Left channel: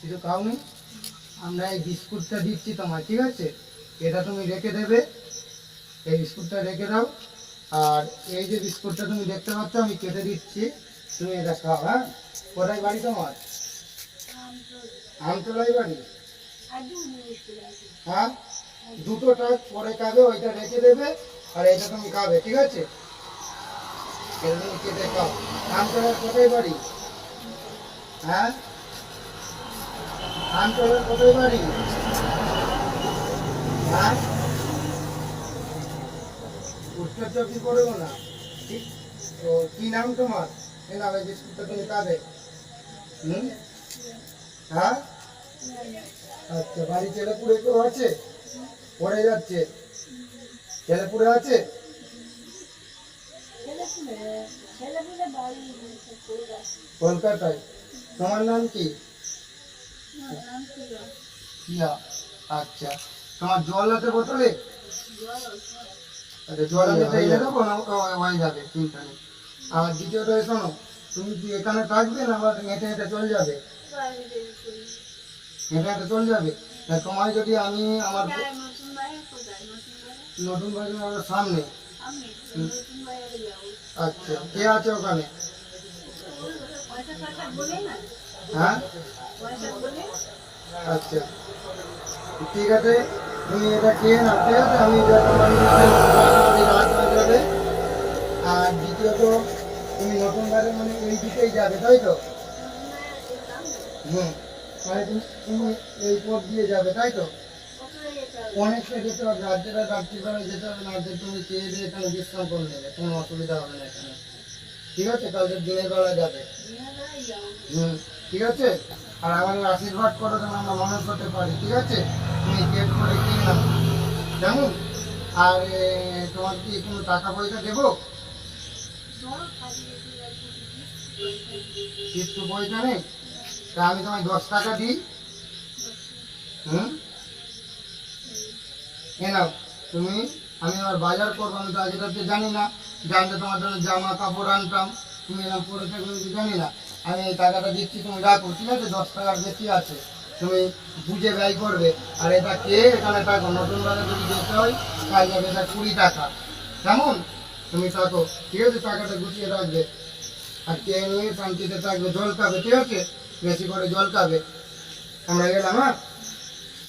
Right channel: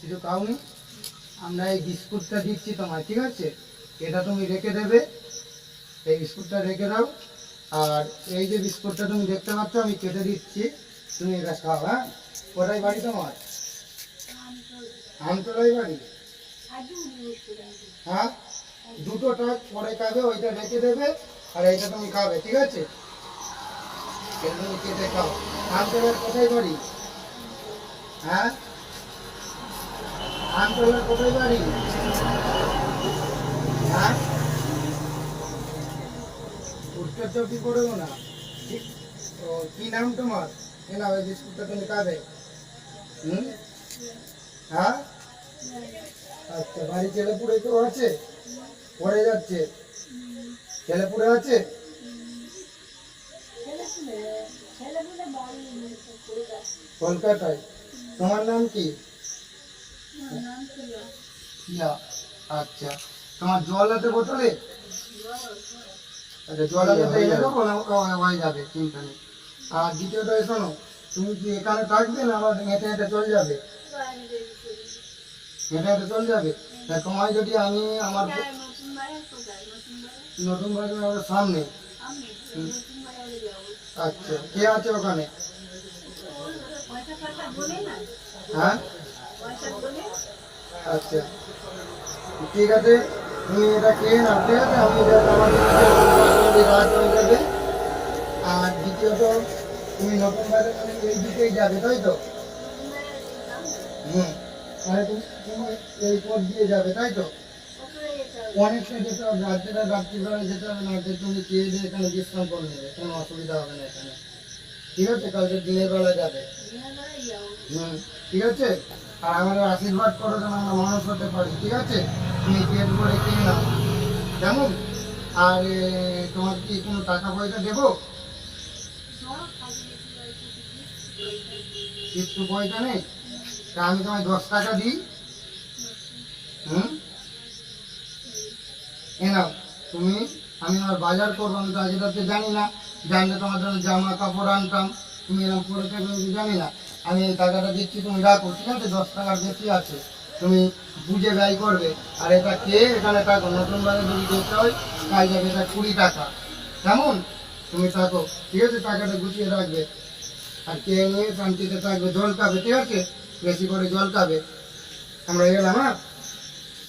কিছু খাওনি, আমরা এই বিস্কুটটা দিচ্ছি তোমায়, ঠিক আছে? এটা তুমি রেখে দেবে, এই বিস্কুটটা রেখে দাও। আর এই যে বিস্কুটটা তুমি দেখতে পাচ্ছ আমি কেটে দিচ্ছি, তুমি এটা খাও। হ্যাঁ, কোথায় বাড়ি তোমার? আমতলায় বাড়ি? হ্যাঁ, দুটোটা পরে খাবে, ওইটা রেখে দেবে আর এইটা তুমি খাবে, ঠিক আছে? এটা তুমি কেটে খাও। আমতলার কোথায় বাড়ি? হ্যাঁ, আমতলার কোথায় বাড়ি? হ্যাঁ, উত্তর চব্বিশ পড়বো না। ও, কি নাম তোমার? এ না, ওই বিস্কুটটা তুমি খাবে। হুম, হ্যাঁ, আচ্ছা। বাড়ি ছেলেপুরে কেউ আছে? পড়ে যাচ্ছে, ছেলেপুরে আছে? কলকাতায়। তোমার নাম কি? প্রিয়া। আচ্ছা, তোমার জল আছে বোতলে? আচ্ছা, জল আমি এনে দেবো না? হয়ে যাবে, চিন্তা নেই। আর দ্বিতীয়টা শোনো, তুমি কি এখানে থাকবে না আবার হেঁটে হেঁটে চলে যাবে? হেঁটে হেঁটে চলে যাবে। তা তোমায় যদি আমি আমার নতুন বাজার সামনে। আচ্ছা, কে আছে ওখানে? হ্যাঁ, আচ্ছা, ঠিক আছে। তুমি এটা খেয়ে নাও, ঠিক আছে? আমি এটা আমার রাত হয়ে যাবে। আর দ্বিতীয়ত, তুমি নতুন বাজার মানে এই দিকেই যাবে, তাই তো? হুম, মানে তুমি এই পথ দিয়ে যাবে, তাই তো? অনেকটা যেতে হবে, রাত্রেটা রাত্রিবেলায় যেতে হবে না, তুমি খেয়ে দিয়ে এখানে বিশ্রাম করে নেবে, কোনো অসুবিধা হবে না এখানে, ঠিক আছে? কালকে দিনের বেলা যাবে। হুম, ঠিক আছে। আর আমাদের আশীর্বাদ করো যেন আমরা মানুষ হতে পারি, ঠিক আছে? তুমি পেট ভরে খেয়ে নাও, কেমন? আর তোমার কি কোনো টাকা পয়সা দেবো? কিছু পয়সা নেই? তা আমি তোমায় 10 টাকা দিই। হুম, এ নাও তুমি। আমি আমার বাজার করবো, আমি তো আগে রাতে জানি না, জানলে তোমার জন্য জামা কাপড় আনতাম, তুমি এরকম পরে থাকবে আমি জানি না। আমি এই টাকাটা দিচ্ছি, তুমি রাখো, ঠিক আছে? 10 টাকার বেশি আছে, তুমি বুঝে ব্যয় করবে। আর এটা কে এখানে থাকো, নতুন বাজার যদি যেতে হয় কাল যাবে, এটা 20 টাকা, কেমন? তুমি থাকো, ঠিক আছে? টাকাটা গুছিয়ে রাখবে আর খেয়ে নিয়ে শান্তিতে থাকবে, জল খাবে, ঠিক আছে? বেশি করে জল খাবে। আমরা গেলাম, হ্যাঁ।